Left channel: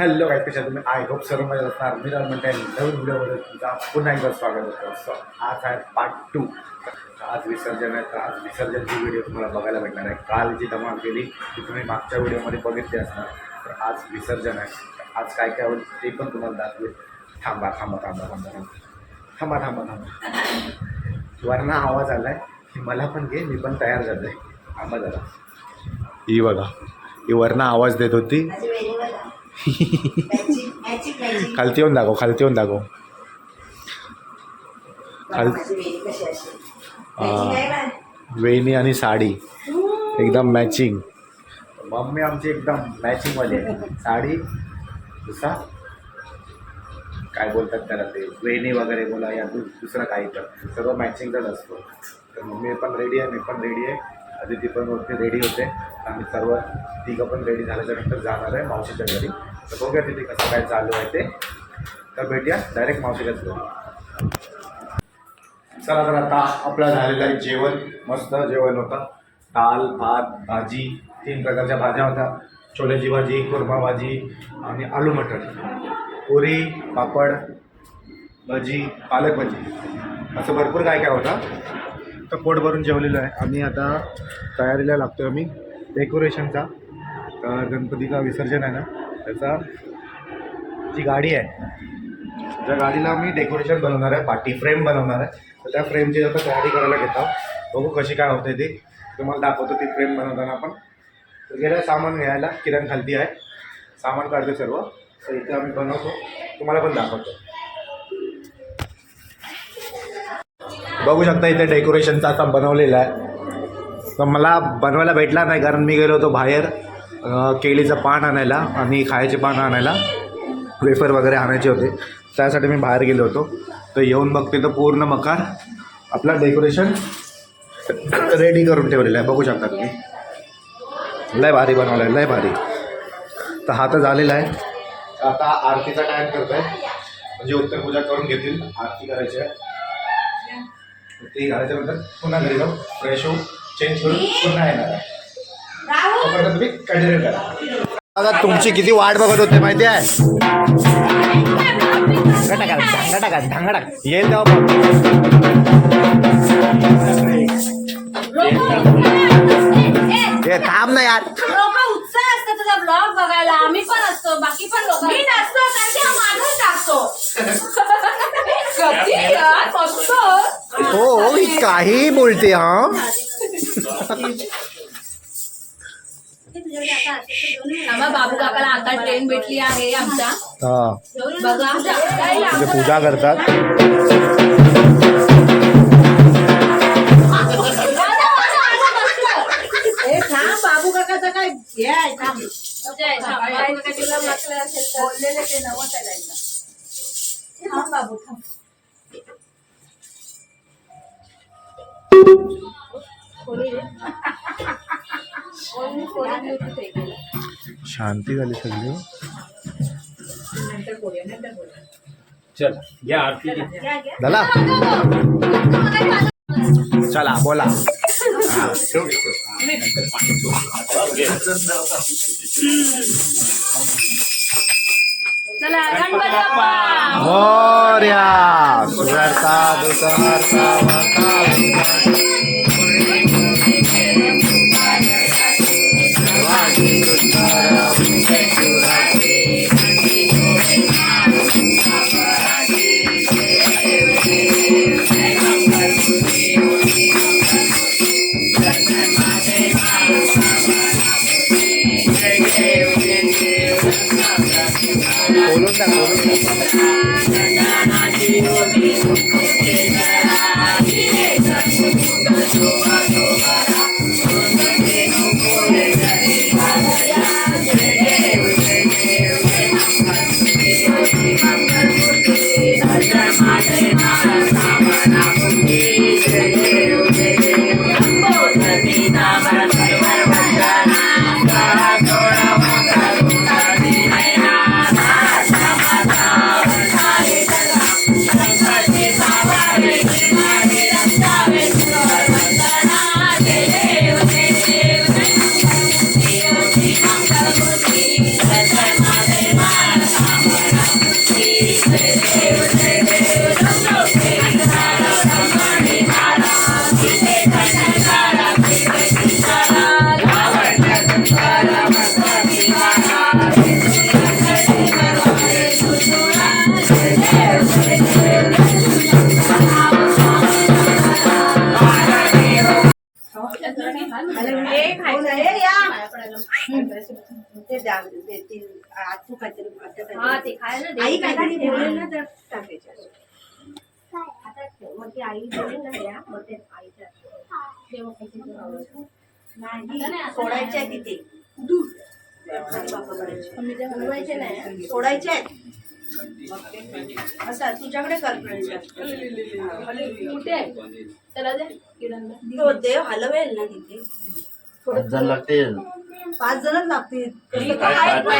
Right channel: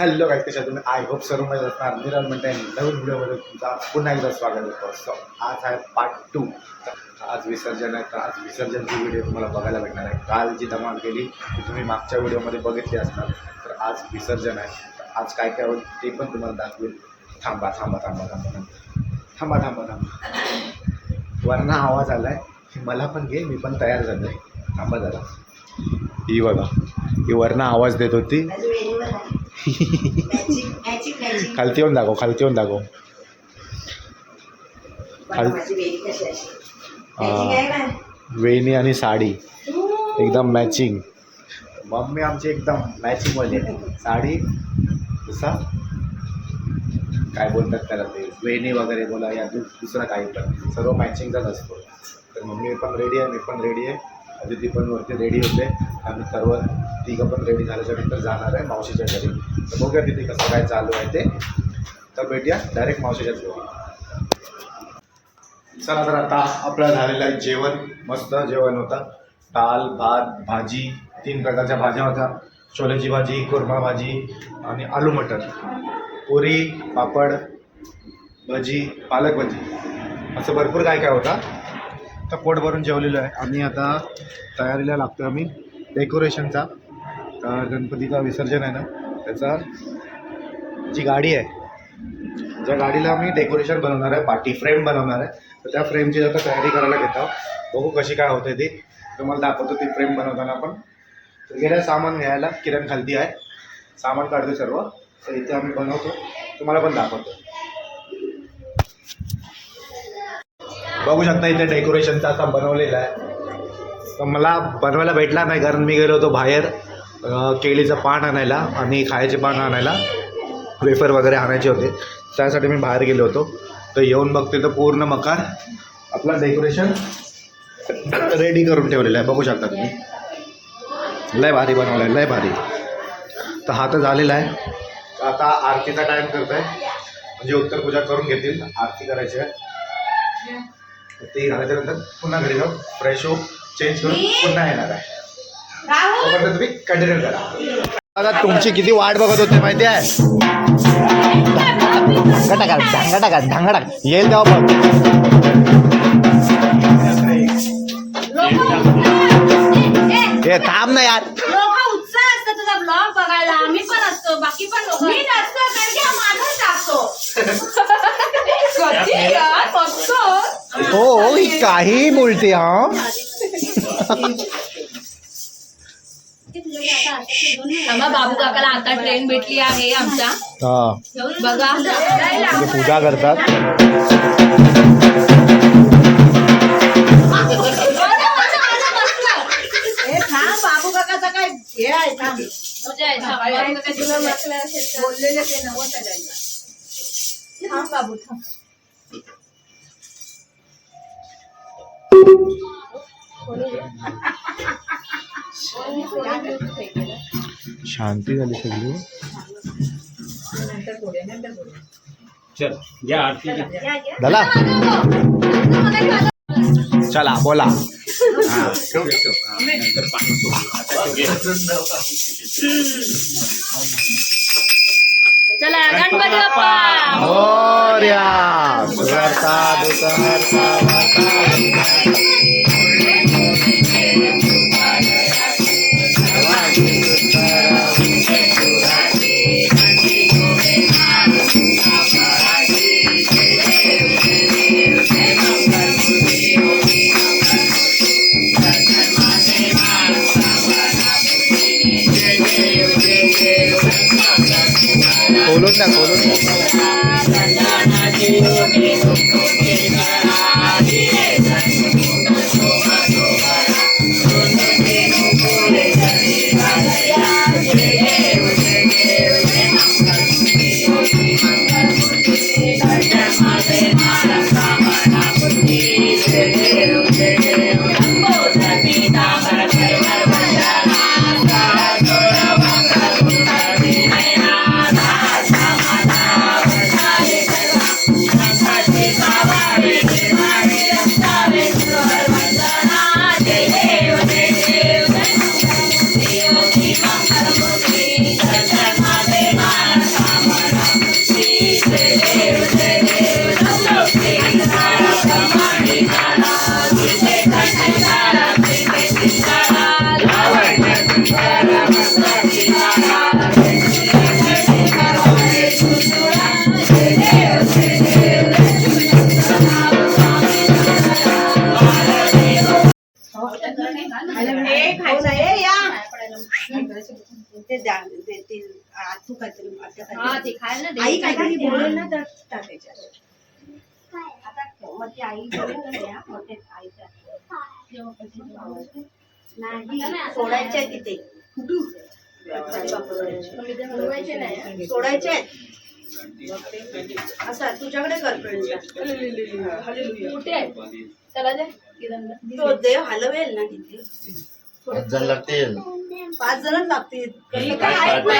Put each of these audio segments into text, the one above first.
Hello guys, कशा तुम्ही? I hope सर्व मजा असणार. मिरर म्हणते नवीन व्हिडिओमध्ये तुमचा पुन्हा एकदा स्वागत होतं. सो आज आहे पार्ट 2. आज विसर्जन आहे, तर आज विसर्जनची व्हिडिओ तुम्हाला बघायला भेटणार आहे. काल जी धमाल केली ती तुम्ही मागच्या व्हिडिओमध्ये बघितली असणार. तर आज विसर्जन आहे, तर आज काय काय होईल ते पण तुम्हाला दाखवेल. थांबा थांबा थांबा थांबा थांबा थांबा थांबा थांबा वरना आवाज आला आहे, मला पण घे, मी पण तयार झालो आहे. थांबा जरा. ही बघा, ही वरना आवाज देत होती. खालती येऊन दाखव, खालती येऊन दाखव. वेणी आणि साडी एकदम मॅचिंग. मम्मी आमची एकदम मॅचिंगवाली आहे. साडी जसा काय बोलतात त्याला, ते वेणी वगैरे बोला या दुसरं काही पण सर्व मॅचिंगचाच असतो. तर मम्मी पण रेडी आहे, मी पण रेडी आहे, आदिती पण वरती रेडी होते. आम्ही सर्व तिघं पण रेडी झाल्याच्या नंतर जाणार आहे मावशीच्या घरी. तर बघूया तिथे कसं काय चालू आहे ते. तर भेटूया डायरेक्ट मावशीच्याच घरी. चला, तर आता आपलं झालेलं आहे जेवण. मस्त जेवण होतं. डाळ, भात, भाजी, 3 प्रकारच्या भाज्या होत्या. छोल्याची भाजी, कोरमा भाजी आणि आलू मटर, पुरी, पापड, भजी, पालक भजी, असं भरपूर काय काय होतं. तर पोट भरून जेवलेलं आहे. आम्ही आता तयारीला लागतो आहे आम्ही डेकोरेशनचा. तर गणपतीचा विसर्जन आहे ना, त्याचा जी गाडी आहे, ज्या गाडीला आम्ही डेकोरेशन बनवणार आहे, पार्टी फ्रेम बनवणार आहे, तर त्या फ्रेमची आता तयारी करायला घेतो. बघू कशी काय होते ती, तुम्हाला दाखवतो ती फ्रेम बनवताना आपण. तर गेल्या सामान घ्यायला किरण खालती आहे, सामान काढतो सर्व. तर इथे आम्ही बनवतो, तुम्हाला पण दाखवतो. बघू शकता इथे डेकोरेशनचा असा बनवलेला आहे. तर मला बनवायला भेटला नाही, कारण मी गेलो होतो बाहेर केळीचं पान आणायला आणि खायचे पान आणायला, वेफर वगैरे आणायचे होते, त्यासाठी मी बाहेर गेलो होतो. तर येऊन बघते तर पूर्ण मकार आपला डेकोरेशन रेडी करून ठेवलेलं आहे. बघू शकता तुम्ही, लय भारी बनवलं आहे, लय भारी. तर हा तर झालेला आहे. आता आरतीचा टाईम करत आहे, म्हणजे उत्तरपूजा करून घेतील, आरती करायची आहे. ते झाल्याच्यानंतर पुन्हा घरी जाऊ, फ्रेश होऊ, चेंज करून पुन्हा येणार आहे. तोपर्यंत तुम्ही कंटिन्यू करा. आता तुमची किती वाट बघत होते माहिती आहे. ढांगा येईल जाऊ बघ. हे थांब ना यार. उत्साह असतो तुझा ब्लॉग बघायला. आम्ही पण असतो, बाकी पण लोक. मी नसतो कारण की हा माणूस टाकतो. हो, काही बोलते. हा बाबू काकाला आता ट्रेन भेटली आहे आमच्या. बघा, पूजा करतात. बाबू काकाचा काय हे आहे, बोललेले ते नवं बाबू थांब. शांती झाली सगळी. चल या आरती झाला. चला बोला. चला गणपती बाप्पा मोरया. सुरता दुसहर्ता वार्ता खोलून ना, खोलून देतील तू काहीतरी हा ते खायला दे. आई काहीतरी बोलेल ना तर टाकायच्या आता मग ती आई बोलेल ना द्या, मग ते आईच्या जेव्हा पैसे जेव्हा नाही सोडायच्या आहे तिथे बोलवायचे नाही. सोडायचे आहेत असा तुझ्याकडे कर कुठे आहे त्याला दे किरणला. तो देव हलवेल ना तिथे 5 जण लागतील 5 जणच लागतील कसं काय हलवा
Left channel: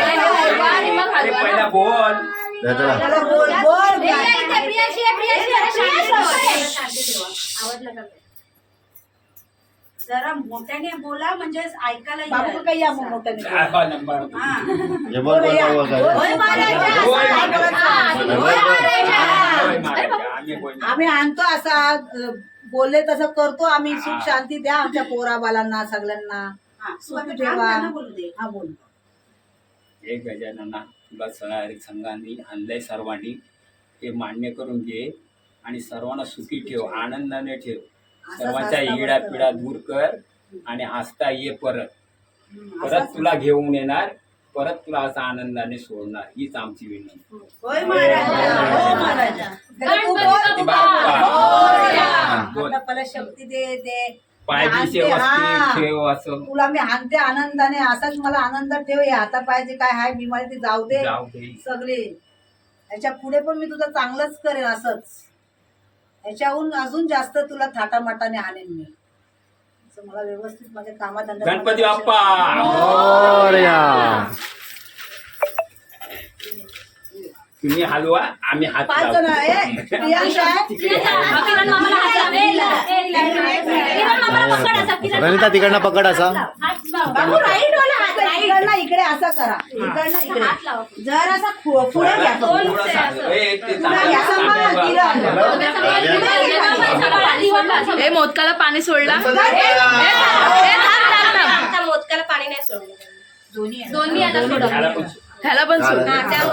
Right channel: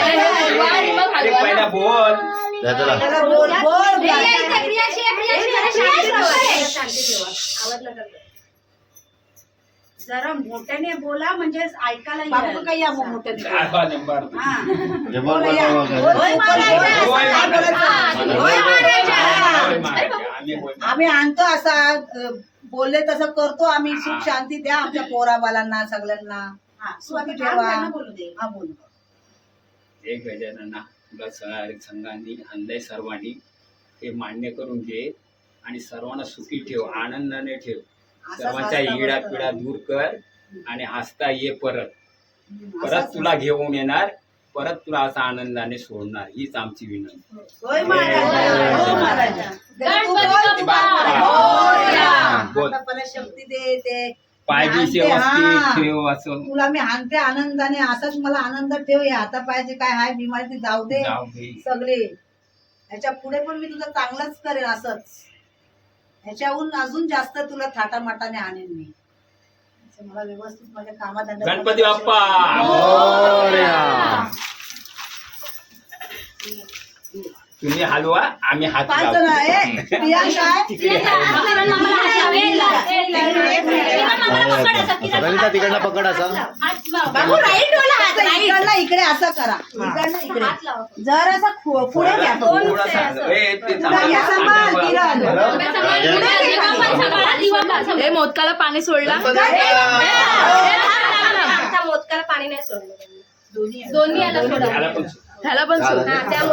आणि मग अरे हलवा पहिला ना. बोल त्याला त्याला बोल बोल प्रिया इथे, प्रियाशी आहे, प्रियाशी आहे. शांती ठेवा. आवडलं का? जरा मोठ्याने बोला म्हणजे ऐकायला बाबू येईल. काही या मग मोठ्याने. हा नंबर हा. हे बघ होय मारायचं, होय असं नाही मारायचं. बोलायचं. होय मारायचं. होय मारायचं. आम्ही होय मारायचं. आम्ही आणतो असा बोलले तसं करतो आम्ही. सुख शांती द्या आमच्या पोराबालांना सगळ्यांना. हा, स्वामी थांब, ठेवा. त्यांना बोलू दे. हा बोल. एक गजानना तुला संघांनी आणलंय सर्वांनी ते मान्य करून घे आणि सर्वांना सुखी ठेव, आनंदाने ठेव, सर्वांच्या हसता इडा बसता पिडा दूर कर आणि हसता ये परत परत असाच तुला घेऊन येणार, परत तुला असं आनंदाने सोडणार, हीच आमची विनंती. होय मारायचं. होय मारायचं. गणपती बाप्पा मोरया. बोल. मला शक्ती दे दे. पायबी हाणते, व्यवस्थित हा. ठेव असं तुला मी हाणते आनंदाने. असाच मला आनंद ठेव. हे हाता पाहिजे काय हाय बिमारी ती जाऊ दे जाऊ दे. सगळे. याच्या पुढे पण मी तुझं चांगलंच करेन असंच. याच्याहून अजून जास्त तुला थाटामाटाने आणेन मी. असं मला व्यवस्थित माझ्या कामाधंदा. गणपती बाप्पा तुम्ही हलवा, आम्ही हात 5 जण लावतो. आहे. प्रियांश आहे. तिकडे. किरण मामाला हात लाव. किरण मामाला पकड असा, किरण रनिता तिकडनं पकड असा. हात लाव. बाबू राईट वाला हात राईट. इकडनं इकडे असं करा. इकडनं इकडे. हात लाव. जरासा पुढे घ्या दोन थोडं ते चांगलं. असं. ए, ते पुढे घ्या. चांगलं. हे मोदकाला पाणी सोडला. मोदकाला पाणी नाही सोडलं त्यांनी. दोन्ही आहे. दोन्ही आता सोडा. ह्याला पण ह्याला पण सोड.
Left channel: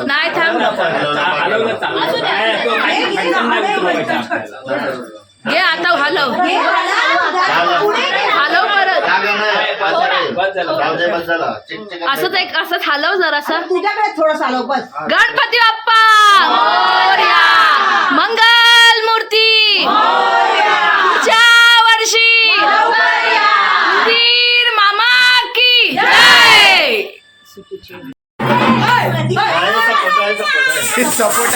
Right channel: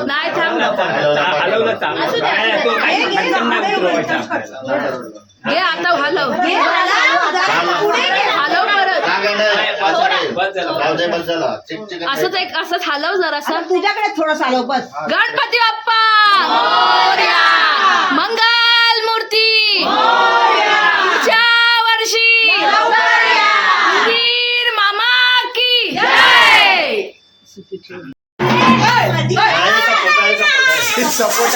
नाही थांब. हलवलं चांगलं. काय तो काही खंडन नाही उतरवायचं आपल्याला. घे आता हलव. हलव परत. जागा नाही, पाचारे. बस झालं. जाऊ दे, बस झाला. चिक चिक असंच हलव जरासा. तुझ्याकडे थोडं आलो बस. गणपती बाप्पा मोरया. मंगल मूर्ती पुढच्या वर्षी वीर मामा की जय. सपोर्ट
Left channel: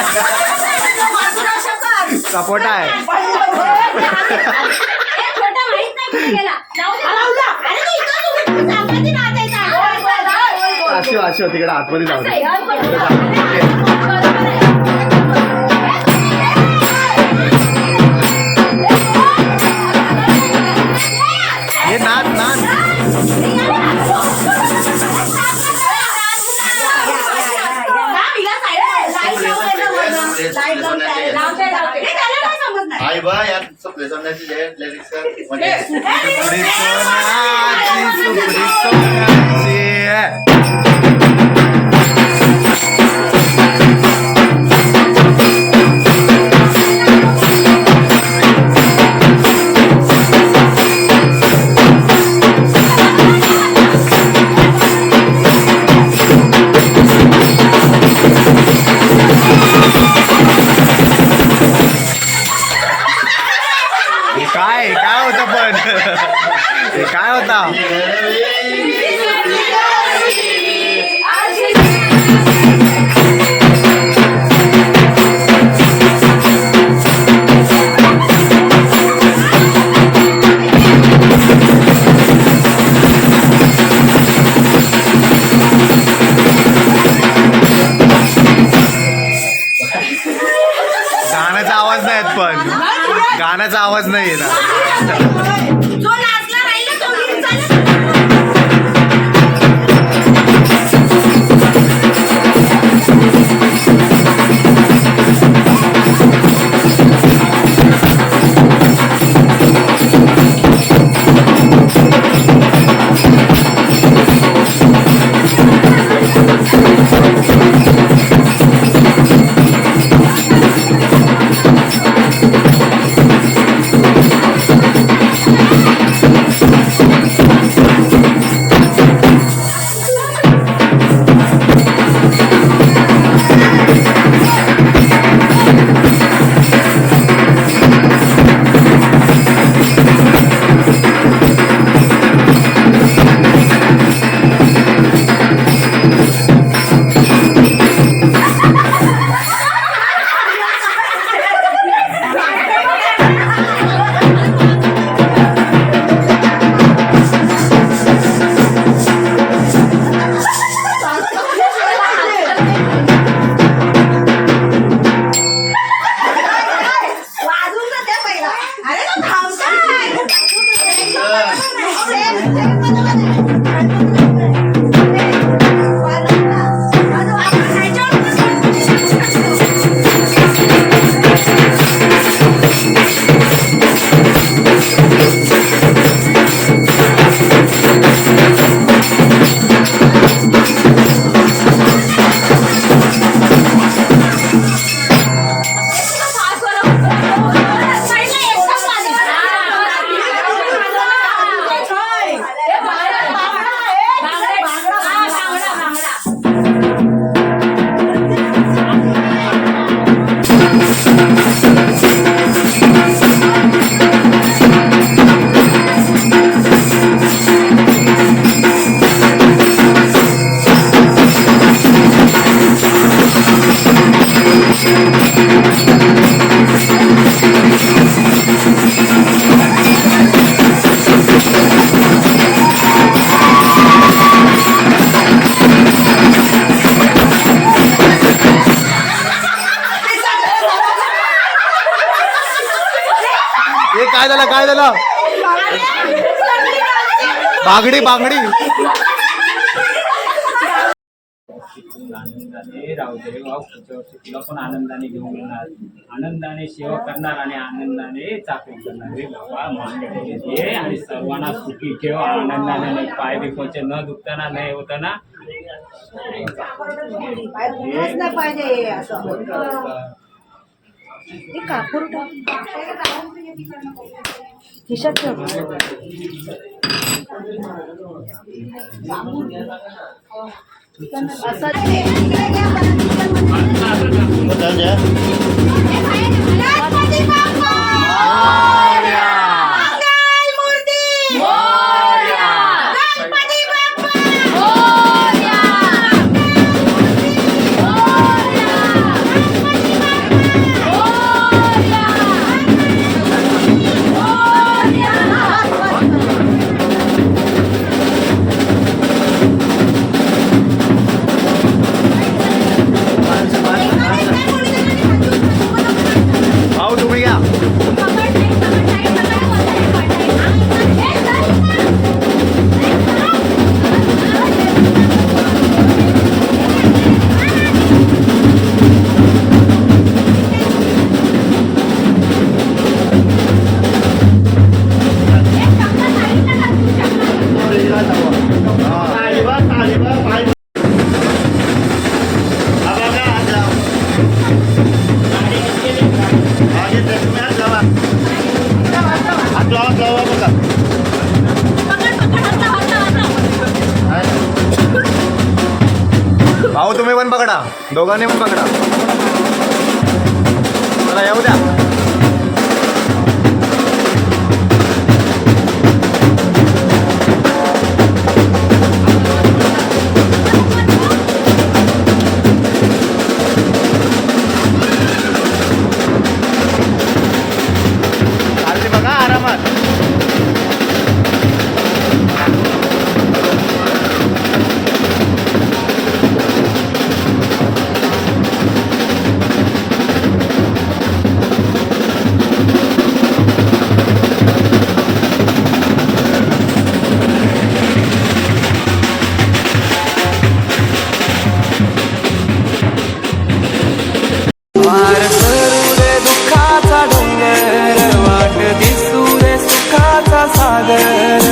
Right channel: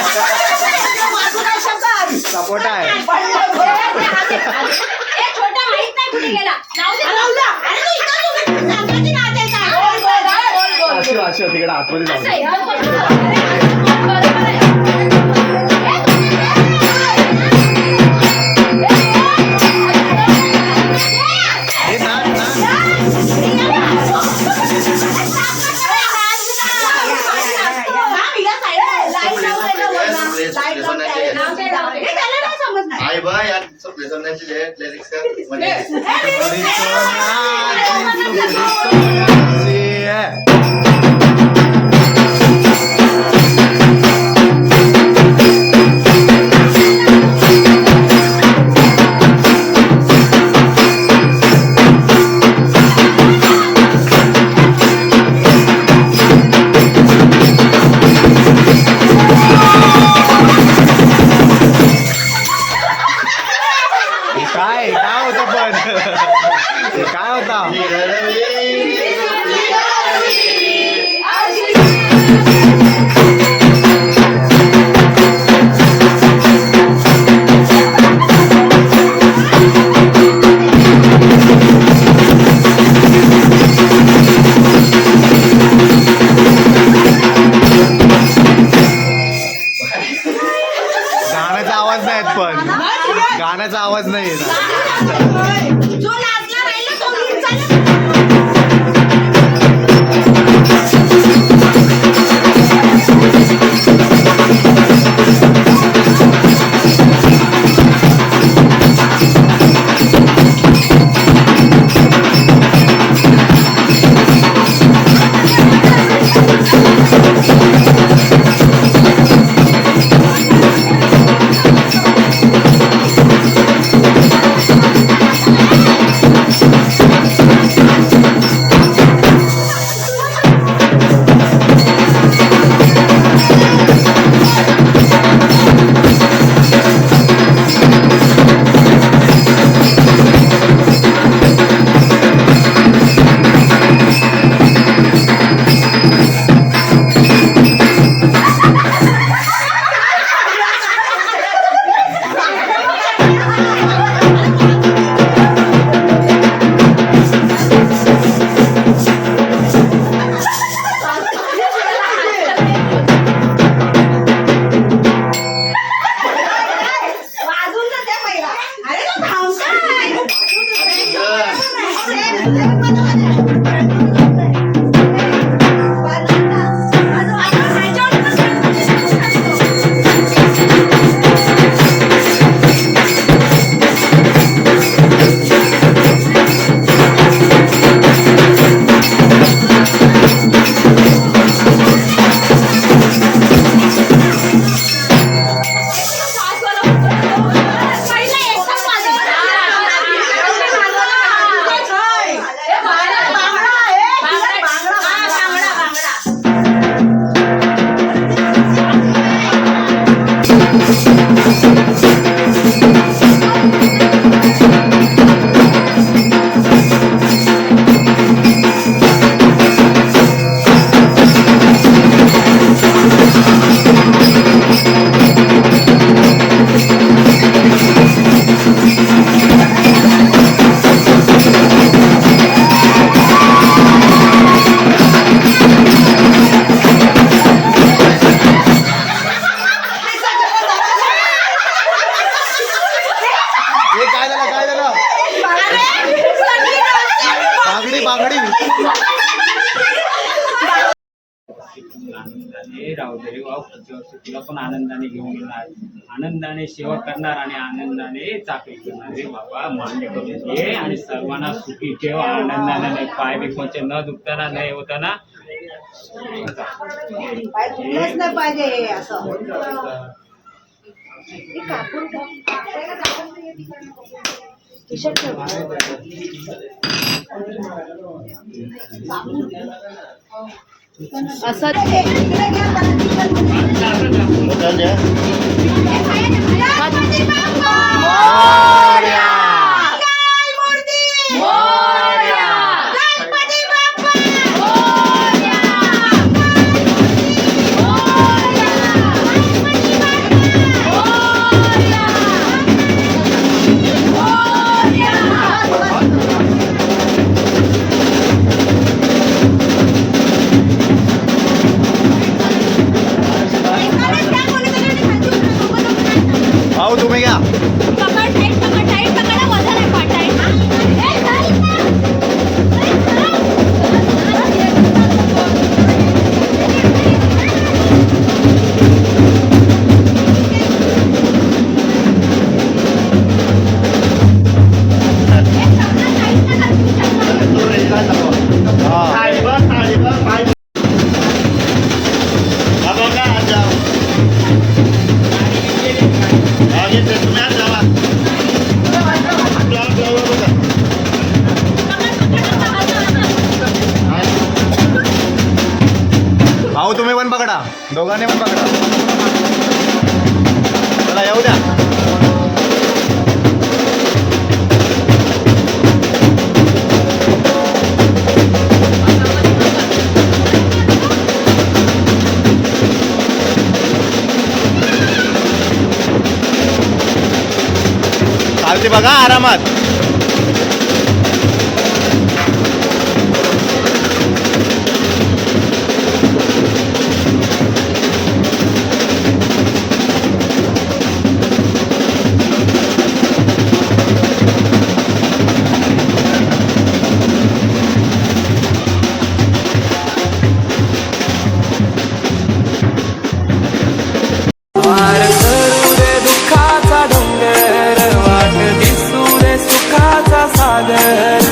सपोर्ट आहे. छोटा माहित नाही कुठे गेला. जाऊ दे. अरे तू इथं उभी राहा. गणपती नाचायचा. अशो तिकडे आतमध्ये जाऊ दे. बरोबर आहे. हे नाच नाच. आई बा यार सगळे समजायचे लिरिक्स म्हणजे सुपडी सोन्याची, सुपडी सोन्याची. हे काय काय होतं पण हे काय होता. गाण्याचा आवाज नाही येत पण गाण्याचा आवाज नाही येणार. जो नाचला राहील ना, तो नीट चालेल. हे काय झालं बागडी आनंदाने राहू दे रे भाऊ. पुढच्या वर्षी तुला पण आनंदाने घेऊन येणार, आनंदाने सेवा करणार आणि आनंदाने चाकरी करणार रे बाबा. मान्य करून घे आणि सर्वांना सुखी ठेव आनंदाने. नाही पाय बी कोणचे न दुखताना नाही होताना. पाय दुखलंच नाही पाहिजे असं. हे कापूर खिशात ठेव. भाऊ तुम्ही घ्या. भाऊ तुम्ही पण पकडा, दोघांनी पण पकडा. चला येऊ द्या. अगदी बघा आरामात. वार सरू दे दुःखाचा डोंगर, वाट दिसू दे सुखाचा सागर.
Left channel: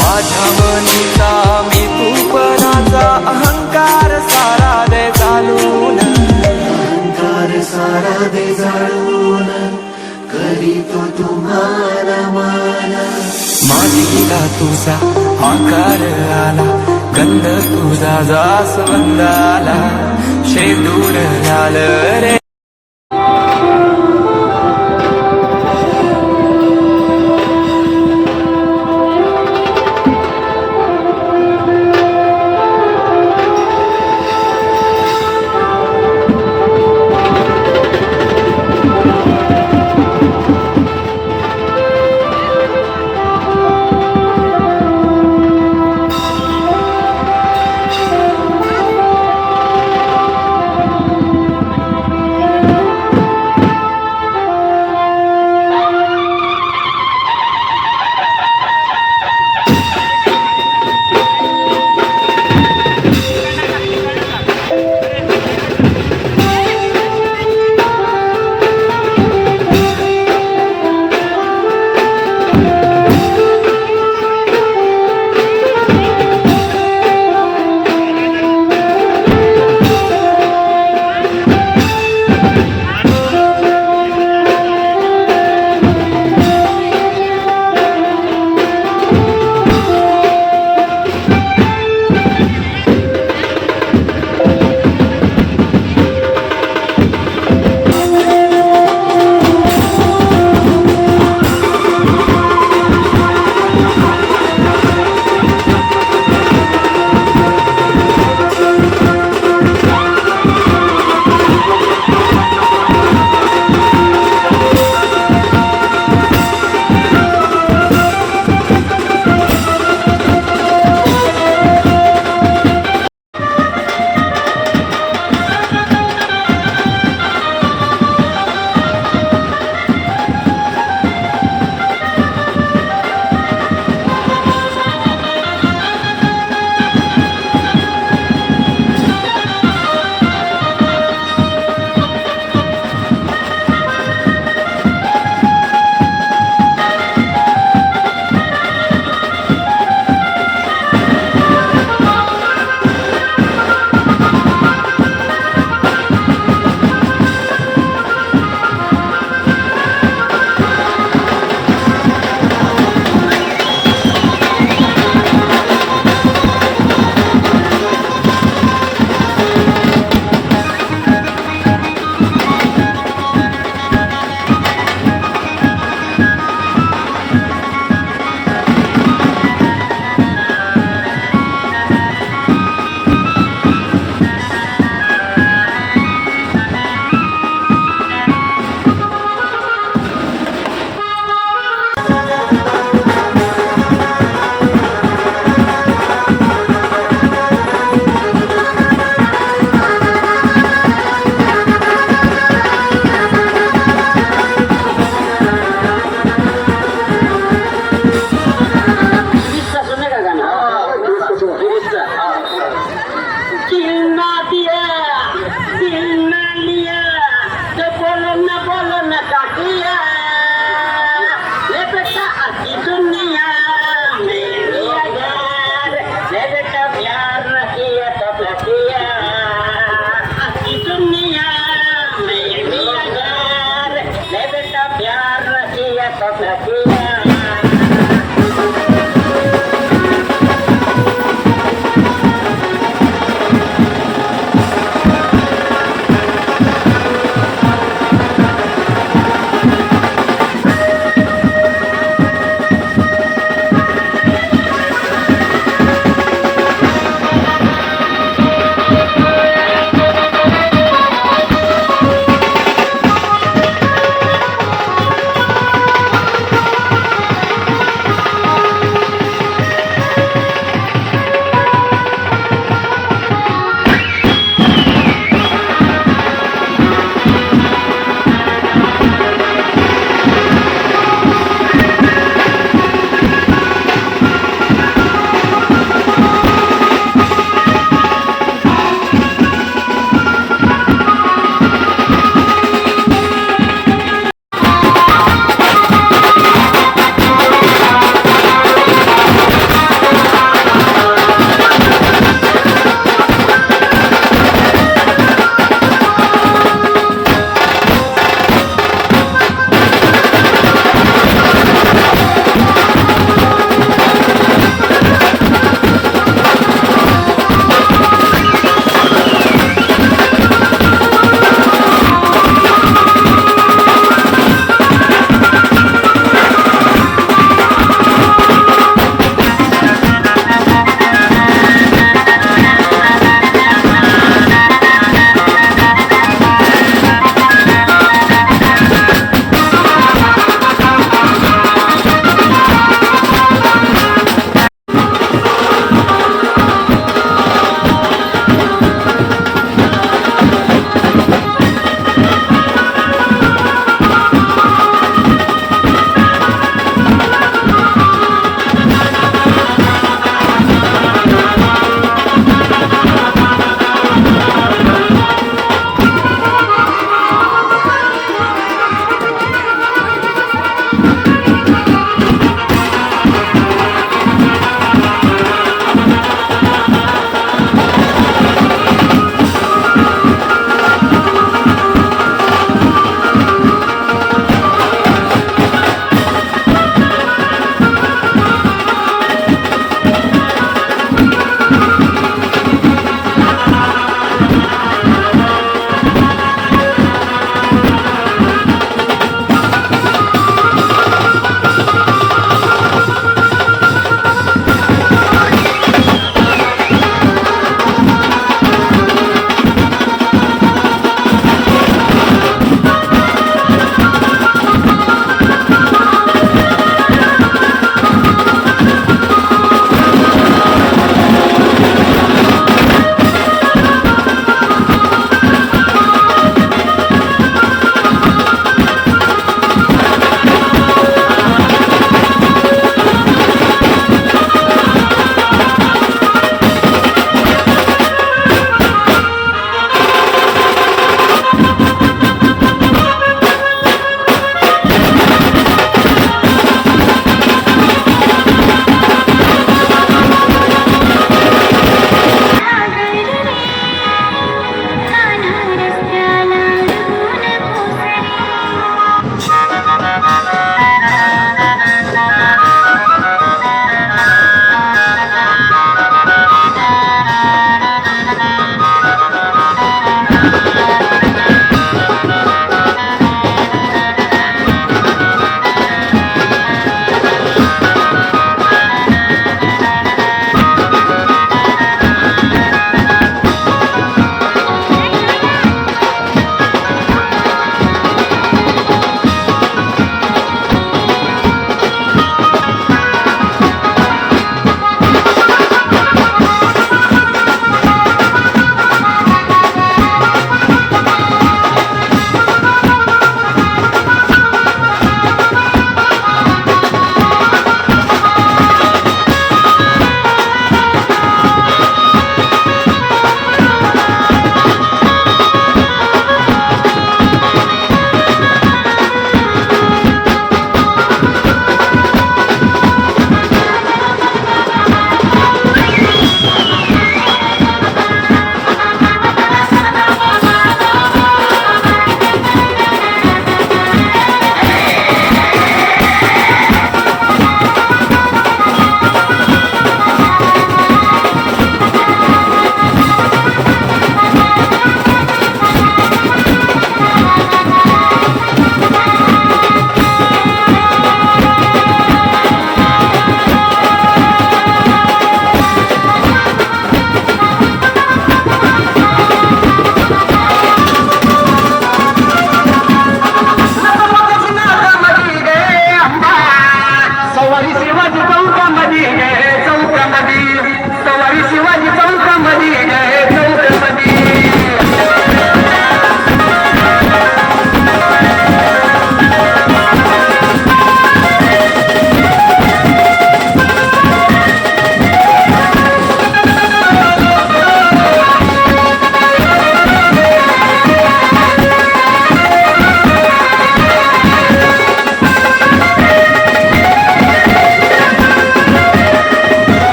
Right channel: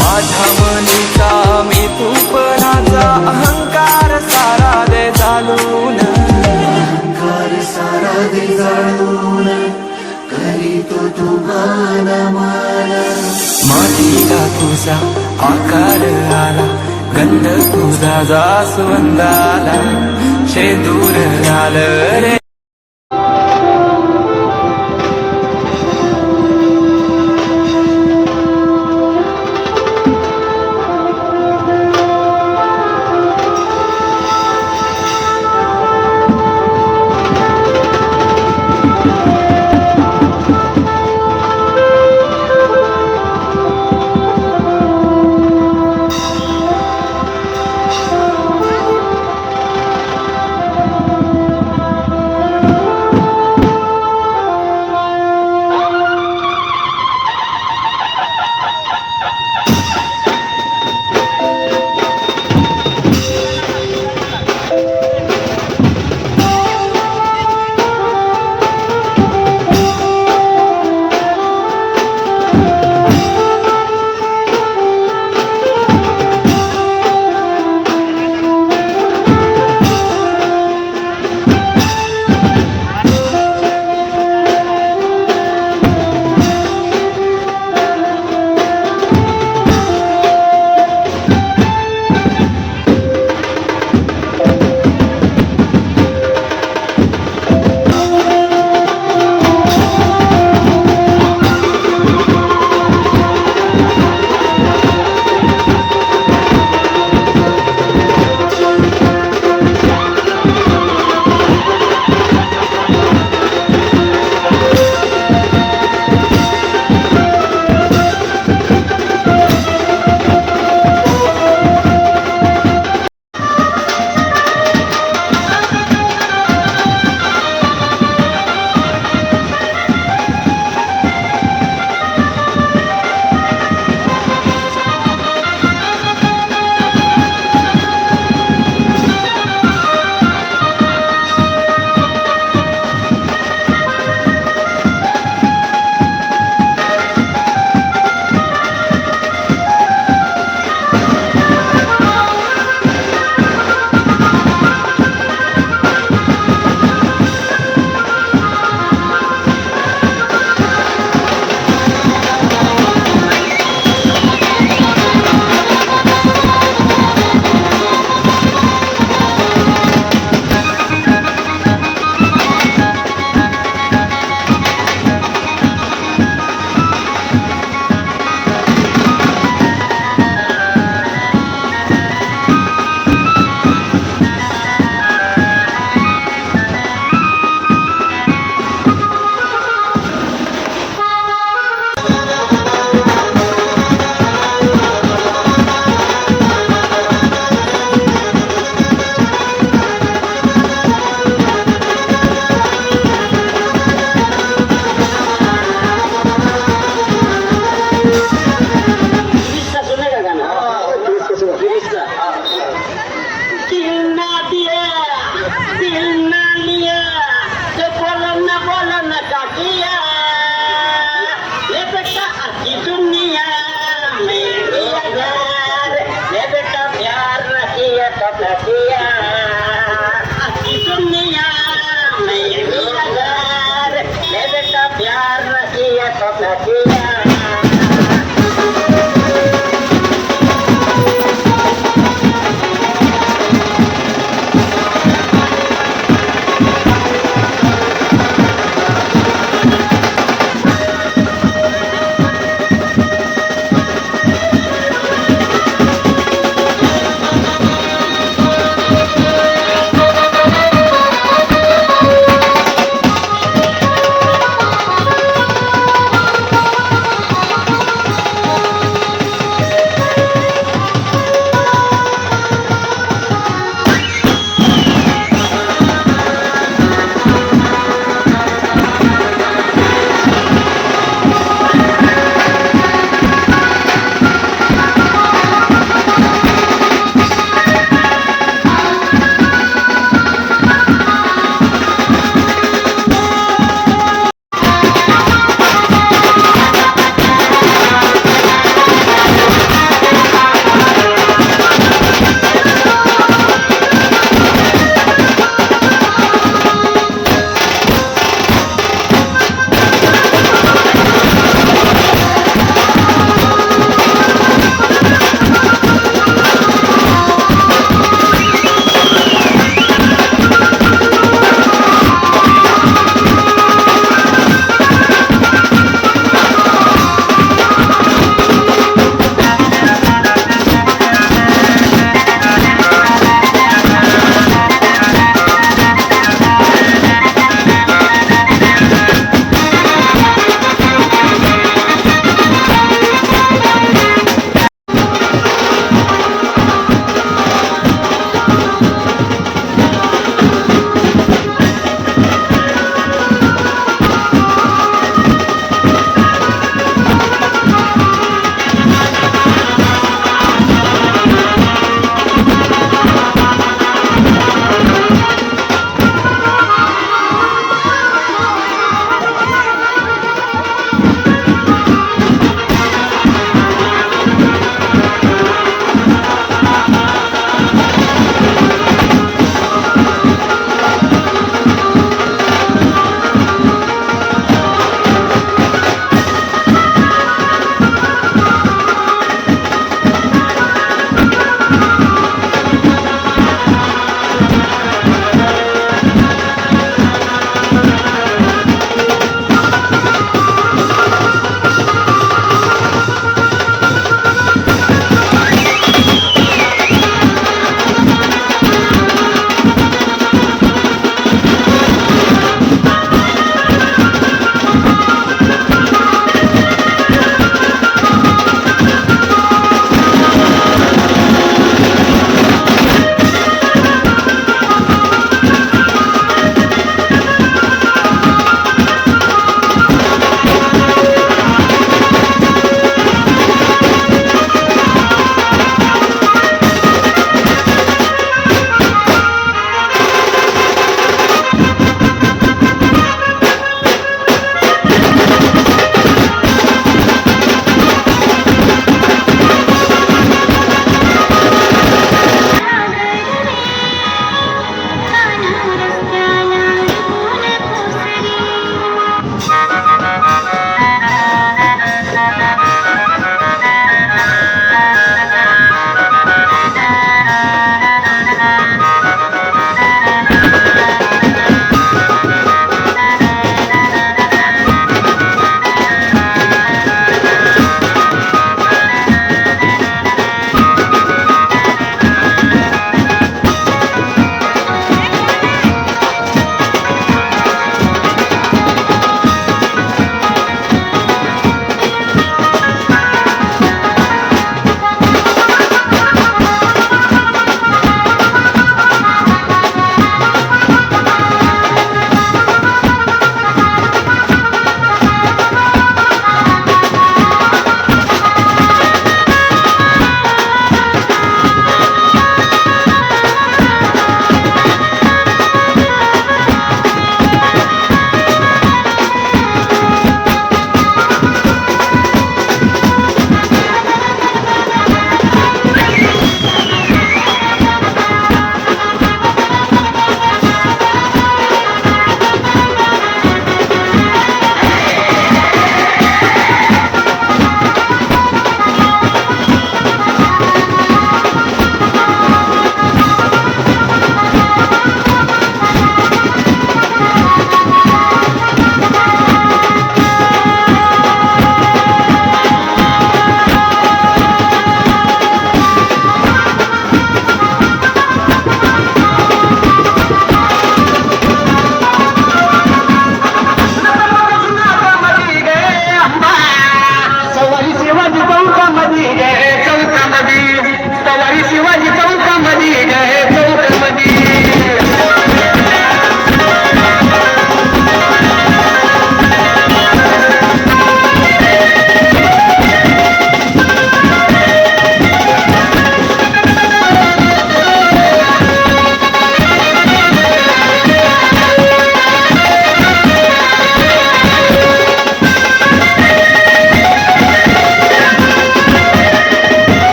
माझ्या मनीचा मी तूपणाचा अहंकार सारा दे चालून. मातीला तुझा आकार आला, गंध तुझा जास्वंदाला, शेंदूर लाल रे.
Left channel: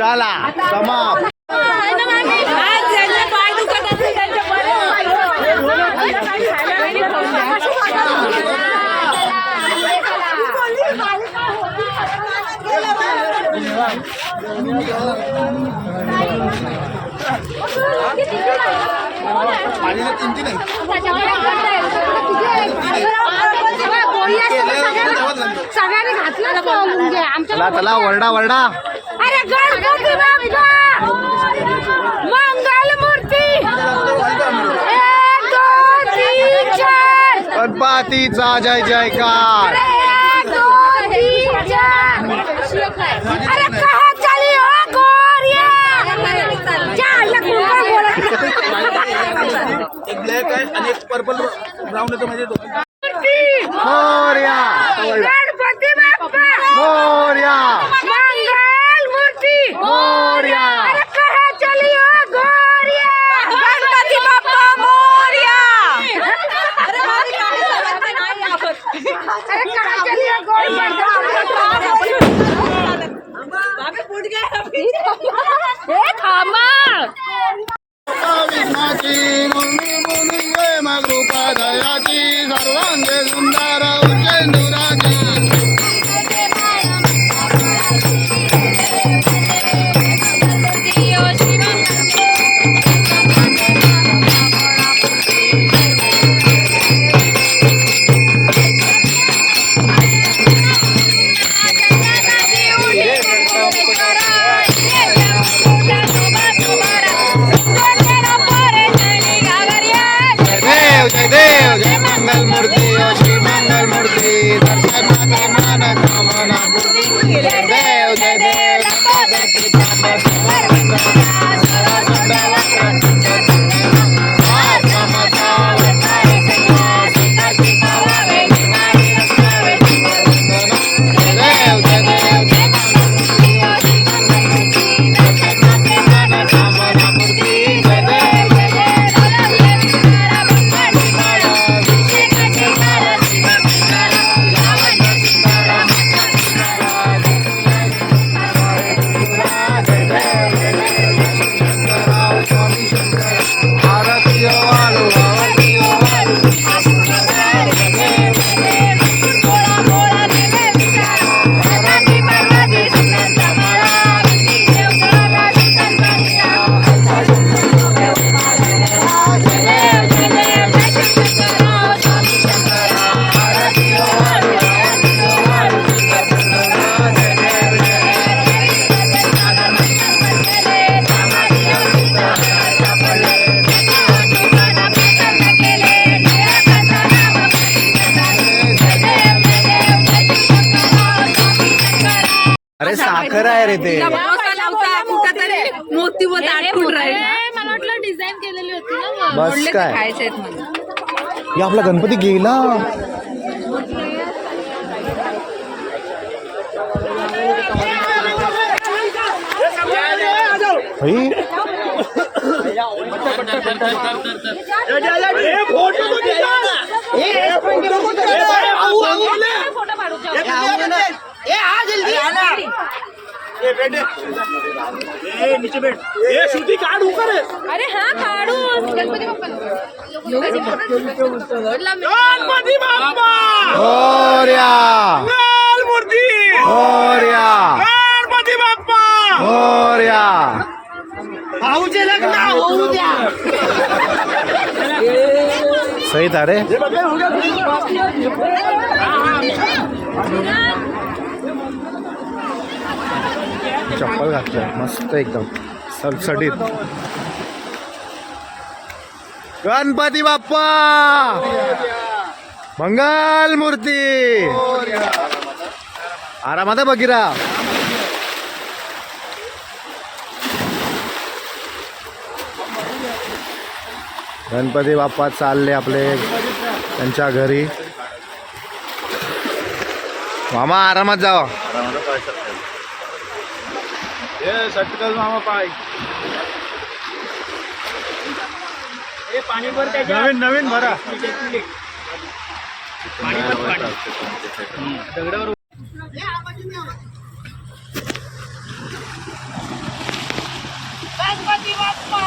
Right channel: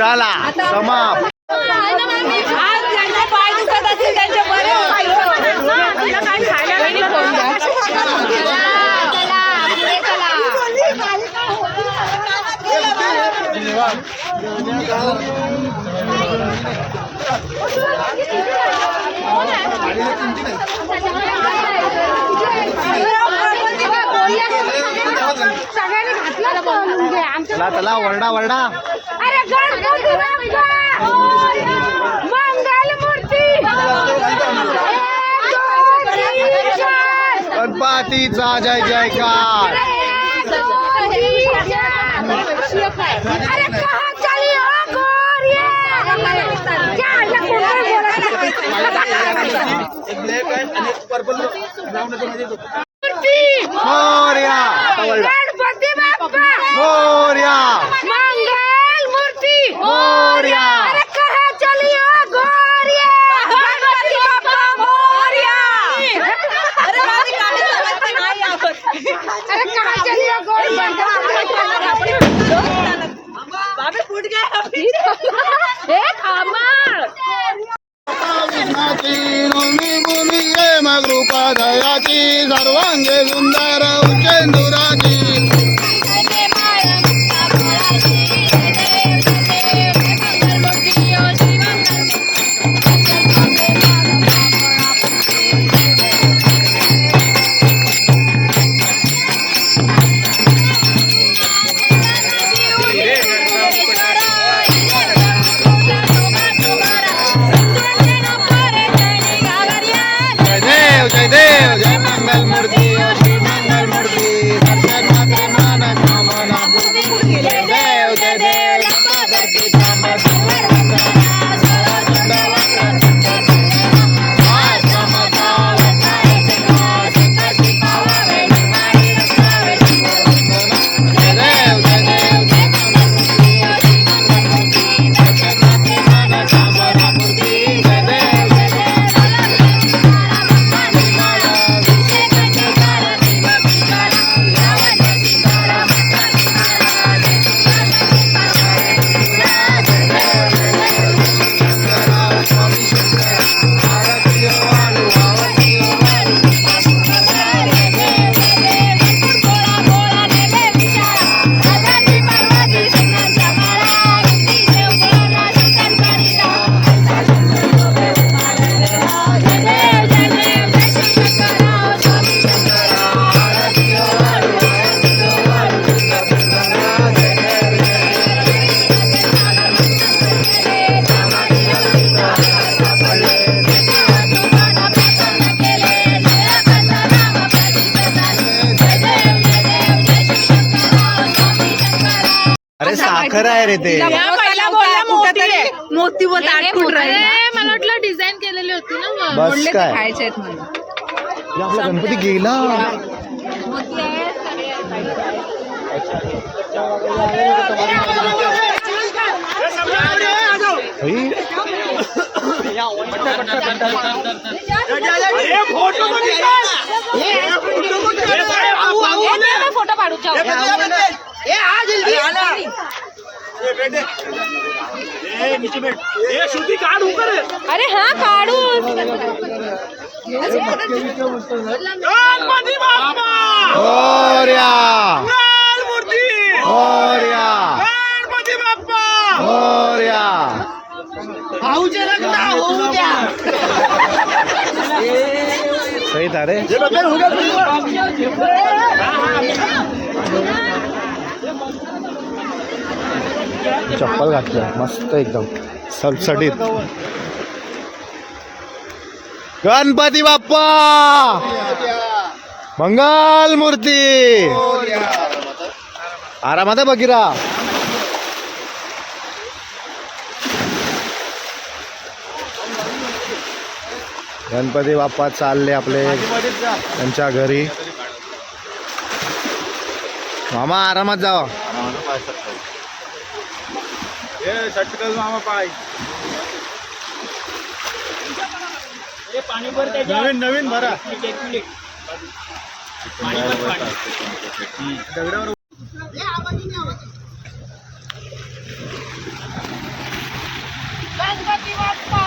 चला समाप्त. आज ज्यांचे पाय दुखत असतील त्यांच्या बरेच पाय खायला वेळी सगळ्यांनी घातलं. चला चला वरडा वरडा. अरे गणपती बाप्पा मंगल मूर्ती गणपतीचा जय जयकार. अरे कहा चली हो गोरिया मोरया. गणपती बाप्पा मोरया. मंगल मूर्ती मोरया. अरे कहा चली हो गोरिया गणपती बाप्पा मोरया. अरे कहा चली हो गोरिया हे थांबा. सर्वांगे सुंदर उपेंदुराची. जय देव जय मंगल मूर्ती श्री मंगल मूर्ती दर्शन मात्रे मन कामना पूर्ती. जय देव जय देव धरती अरे साखर आहे रे ते. मोती व दाटून राहिला. मला वाटलं डिझाईन केलेली होती ना. बस काय हे आपला गणपती गेला. फोटो काढू. अरे हा काढू. गणपती बाप्पा मोरया. मूर्ती मोरया. गणपती बाप्पा मोरया. सही था रे. चप्पल घातलं मस्त एकदम सडसडीत. गणपती बाप्पा मंगल मूर्ती. आरामात बघिरा. गणपती बाप्पा चालले आपले त्यांच्या घरी. मामा आरामात जावा. सटकल मामा पाय. पाणी भर त्याच्या. नवीन भरा. पाणी भर पाणी. दगडावर गणपती बाप्पा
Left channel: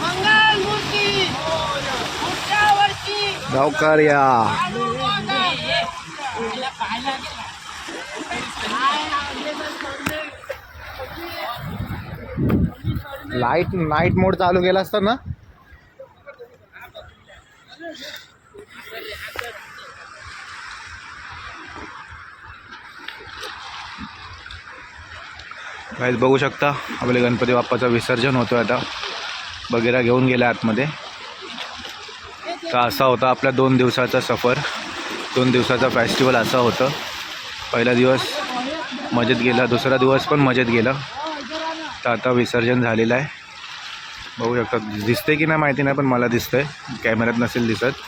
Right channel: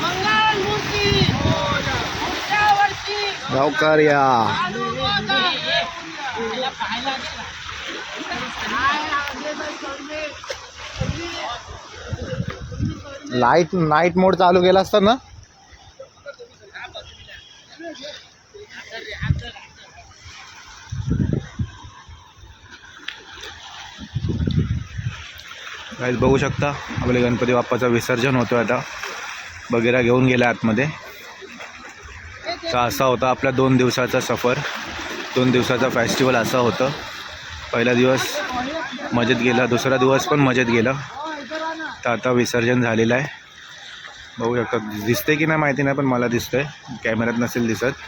मंगल मूर्ती पुढच्या वर्षी गावकर या आणू मोदक. नाईट मोड चालू केला असता ना. गाईज बघू शकता आपले गणपती बाप्पाचं विसर्जन होतोय आता. बगेरा घेऊन गेला आतमध्ये. तर असा होता आपला 2 दिवसाचा सफर, 2 दिवसाचा फेस्टिवल असा होतं. पहिला दिवस मजेत गेला, दुसरा दिवस पण मजेत गेला. तर आता विसर्जन झालेलं आहे. बघू शकता, दिसते की नाही माहिती नाही, पण मला दिसतंय. कॅमेऱ्यात नसेल दिसत,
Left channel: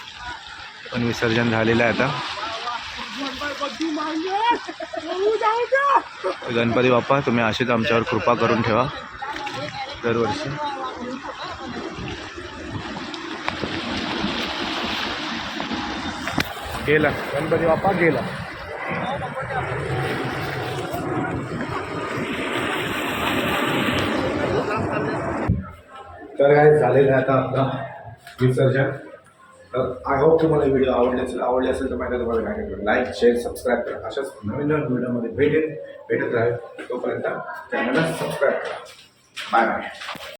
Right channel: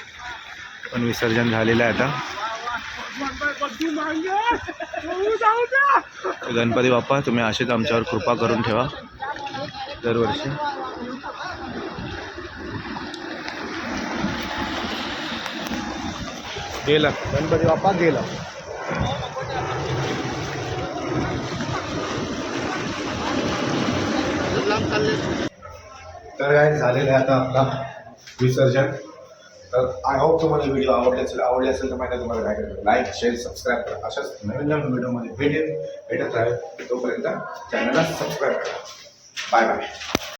पण विसर्जन झालेलं आहे आता. गणपती बाप्पा तुम्ही अशीच आमच्यावर कृपा करून ठेवा दरवर्षी. गेला गणपती बाप्पा गेला. तर काय झालेलं आहे आता आपला विसर्जन. तर आय होप तुम्हाला व्हिडिओ आवडले असेल तर माहिती तुम्हाला काय करायचं, लाईक शेअर सबस्क्राईब करा. अशाच नवीन व्हिडिओमध्ये भेटत राहील. तोपर्यंत चॅनलला सबस्क्राईब करा. Bye bye.